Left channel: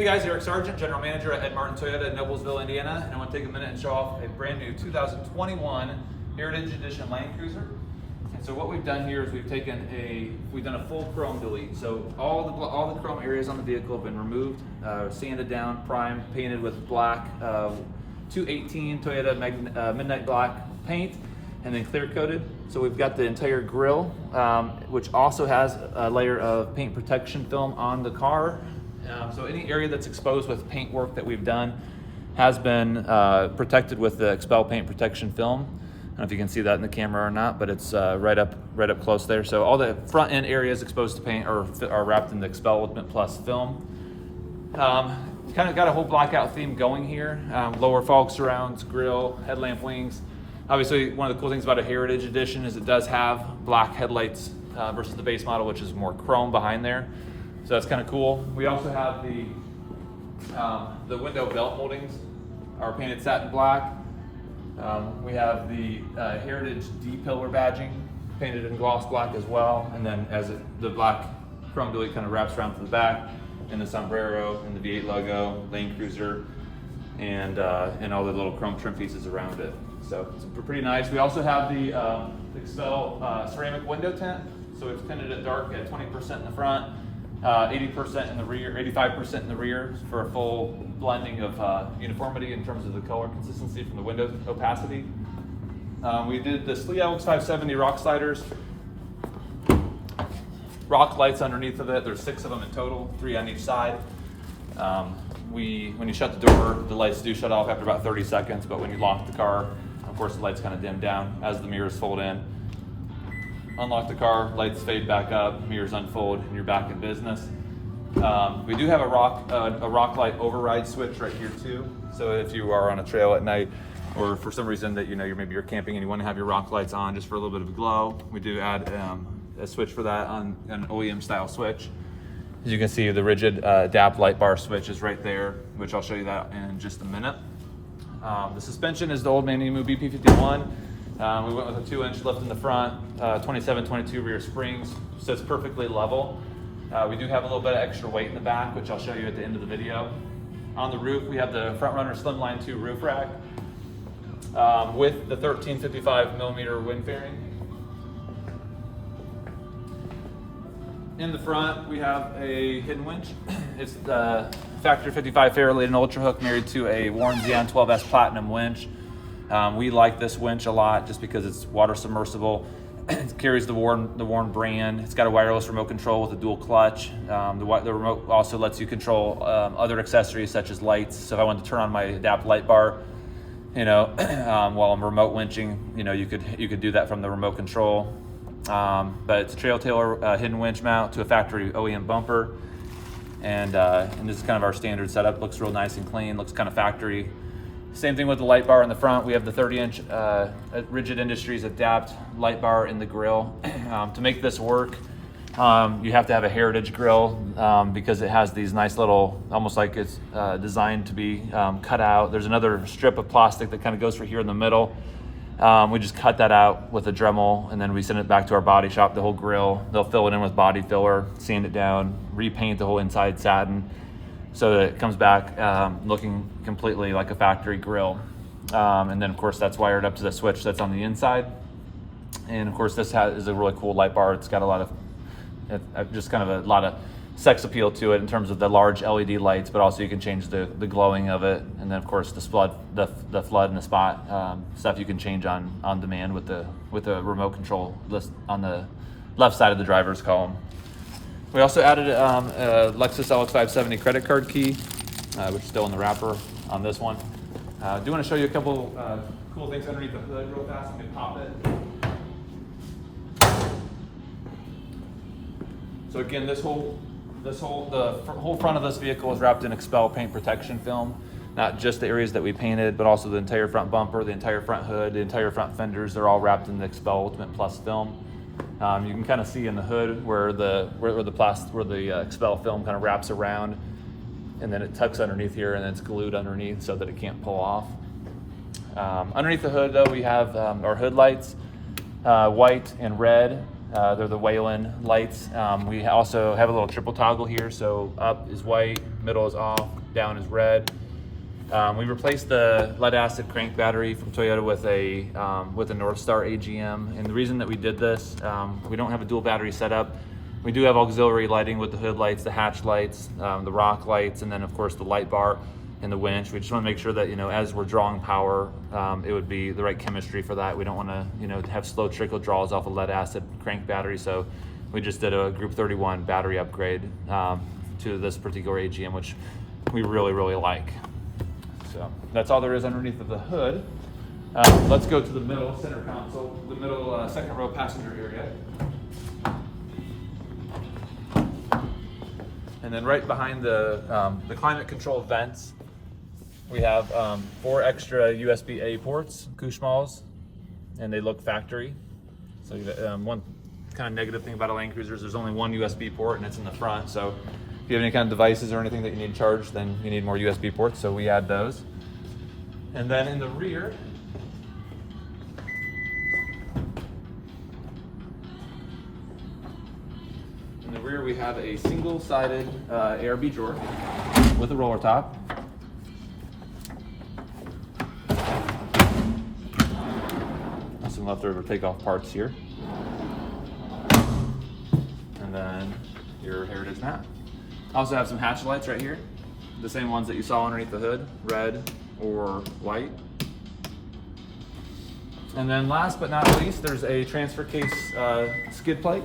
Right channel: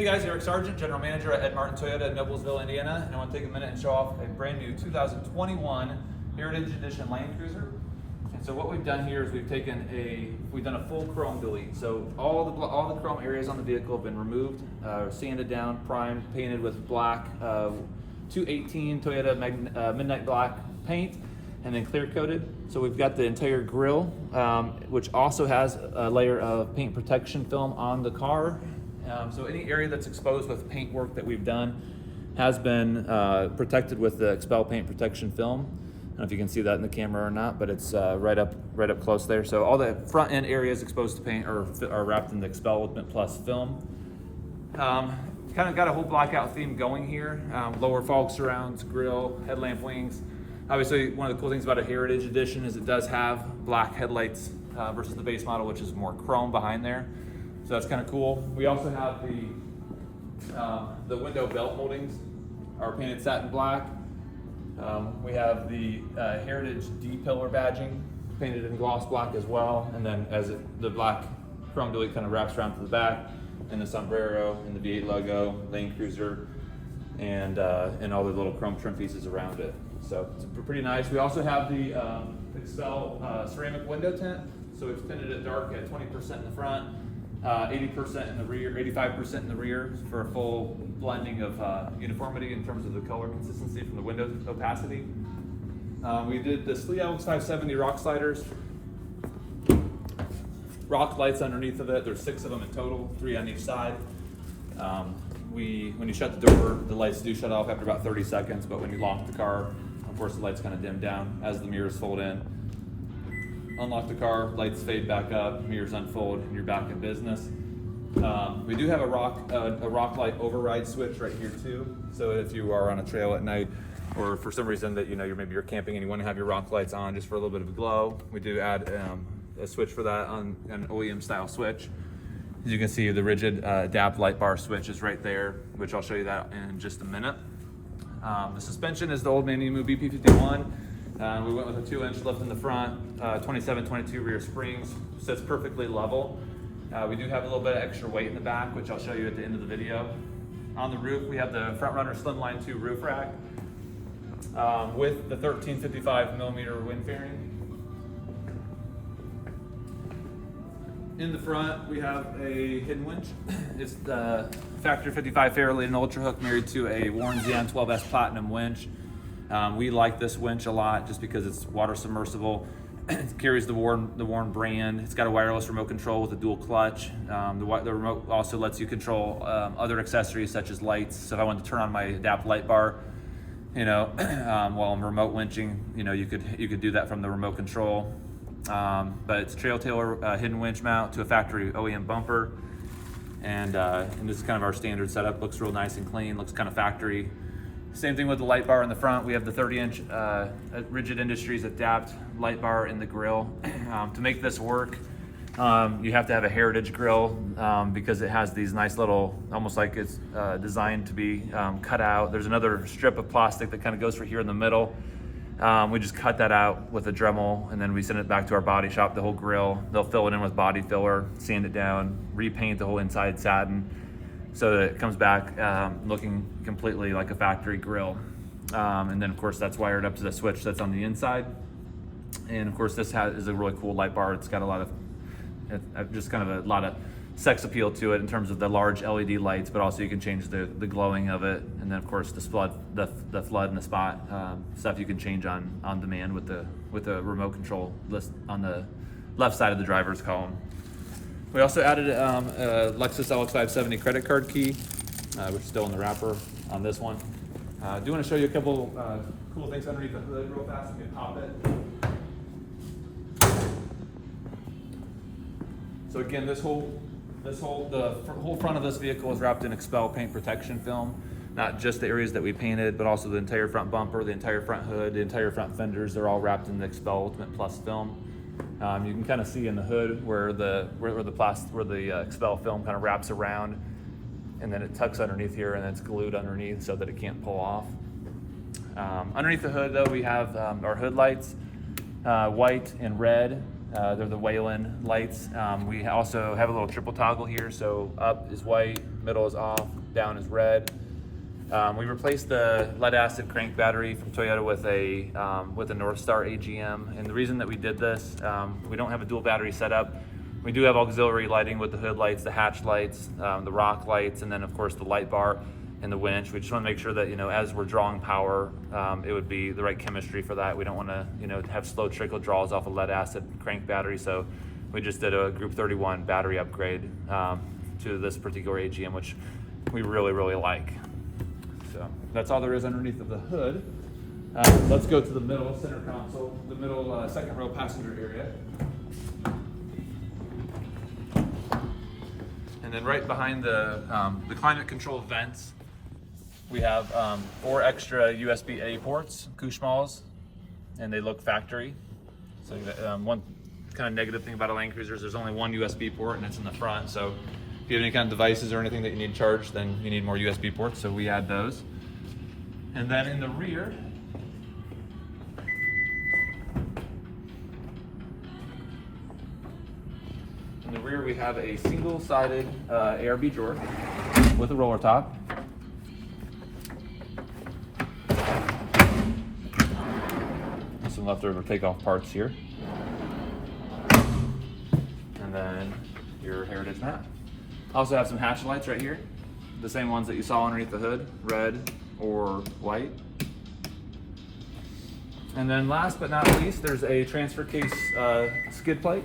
Hey guys, Eric Sargent, General Manager at Ed Martin Toyota in Noblesville, Indiana, and I want to take a minute and show off a brand new 2021 Heritage Edition Land Cruiser. And so what we've done here is we've done a full chrome delete. So all the chrome areas on the vehicle have been removed, sanded down, primed, painted with black 218 Toyota Midnight Black paint, and then clear coated. So we've got the entire grille, which also has a layer of paint protection film on the car. So any area that's exposed with paint work that we've done has been protected with the XPEL Paint protection film. I don't know if you can see that in the camera or not, but it's right up close there. So all the front end areas exposed to paint are wrapped in the XPEL Ultimate Plus film. Kind of got a whole blackout theme going here. Lower fog surrounds, grille, headlamp wings. Obviously, one of the cool things about a Heritage Edition is it does have black headlights versus the base model, which is more chrome behind there. So that's kind of cool. We also have the window belt moldings are painted satin black. We have the Heritage D-pillar badging painted in gloss black as well. And then the black chrome delete kind of wraps around to the back, and the sombrero and the V8 logo, Land Cruiser, and all the little chrome trim pieces around it. So it's pretty nice. We also have the XPEL ceramic window tint. So we've tinted it dark at 20% in the front, 80% in the rear, 85% in the rear for a full blending of uniformity in terms of the color consistency from the window opacity. We did the Flatlands 570 rock sliders, rock lights underneath of it. There's 6 of them in total, 3 on each side. When you shut the door, the lights do shut off after about 30 seconds, but when you lock the car, of course the lights kind of dim down as the mirrors fold in. Unlock the car, lights fade back up, mirrors unfold, and you're back in business. We do have a rock light override switch right here too. So if you are on a trail at night, or for some reason that maybe you're camping and you want to have your rock lights on just for a little bit of a glow, we do add a switch for that on an OEM style switch. As you can see, the rigid adapt light bar switch is right there, which I'll show you that in just a minute. The suspension is the old OME BP-51. We went with a 2-inch lift in the front, 27-22 rear springs, so it's perfectly level. We do have a little bit of extra weight in the back, which I'll show you at the end of the video. On the roof, we have the front Runner Slimline II roof rack with the 1355mm wind fairing. In the front, we have a hidden winch. It's the Factory 55 Fairleigh Ultra Hook married to a Warren Xeon 12S Platinum winch. We like this winch a lot just because it's water submersible. It carries the Warren brand. It's got a wireless remote control with a dual clutch. The remote also lets you control other accessories such as lights. So if I wanted to turn on my adapt light bar, while I'm remote winching, you could do that from the remote control. But it's a trail tailor hidden winch mount to a factory OEM bumper, and this is kind of our standard setup. Looks real nice and clean. Looks kind of factory. Same thing with the light bar in the front. We have the 30-inch Rigid Industries Adapt light bar in the grille. To make this work, you have to have a Heritage grille because it has these nice little, almost like it's designed to be cut out. There's another strip of plastic that kind of goes for here in the middle. We just cut that out with a Dremel, and then we send it back to our body shop, the whole grille. They'll fill it in with body filler, sand it down, repaint the whole inside satin, so that it comes back looking completely like a factory grille. And then of course that's wired up to the switch that's on the inside. And of course this is a really cool light bar. It's got a lot of sex appeal to it in terms of the large LED lights, but also you can change the glowing of it. And then of course the flood and the spot stuff you can change on demand with the remote control list on the left side of the driver's column. We also added a Lexus LX570 credit card key, which is still in the wrapper on this one. I do want to show you a couple cool things underneath the hood real fast. You can pop it. So again, the whole front of this vehicle is wrapped in XPEL paint protection film. Not just the areas that we painted, but also the entire front bumper, the entire front hood, the entire front fenders. They're all wrapped in the XPEL Ultimate Plus film. You can kind of see in the hood where the XPEL film kind of wraps around, and then it tucks underneath here, and then it's glued underneath so that it can't pull off. Underneath the hood, though, we have our hood lights, white and red. They're the Wayland lights. We also have a little triple toggle here, so up is white, middle is off, down is red. We replaced the lead acid crank battery from Toyota with a North Star AGM, and the reason that we did this, we don't have a dual battery setup. We do have auxiliary lighting with the hood lights, the hatch lights, the rock lights, and then of course the light bar and the winch. We just want to make sure that, you know, as we're drawing power, it would be the right chemistry for that. We don't want to, you know, have slow trickle draws off a lead acid crank battery, so we just did a Group 31 battery upgrade to this particular AGM, which we really like. So that's all there is underneath of the hood. Let's go to the middle center console, the middle second row passenger area. And then right behind the climate control vents, we have 4 extra USB-A ports, Kushmalls, and they look factory. So one kind of negative thing about a Land Cruiser is there's only one USB port and it's in the front. So if you have any kind of devices or anything that you need charged, then you need more USB ports, so we add those. And then in the rear, we have a single-sided ARB drawer with a roller top. Some leftover takeoff parts here. And then your Heritage map. I also have some hatch lights right here. The same ones that you saw underneath the hood, red or white. And then last but not least, there's a transfer case skid plate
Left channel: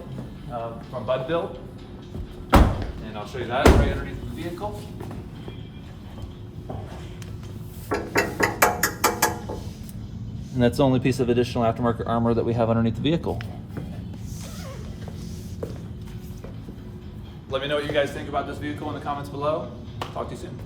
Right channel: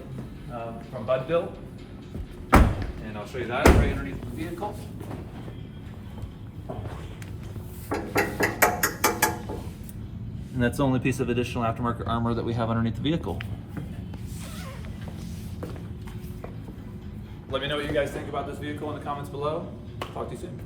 from Bud Built. And I'll show you that right underneath the vehicle. And that's the only piece of additional aftermarket armor that we have underneath the vehicle. Let me know what you guys think about this vehicle in the comments below. Talk to you soon.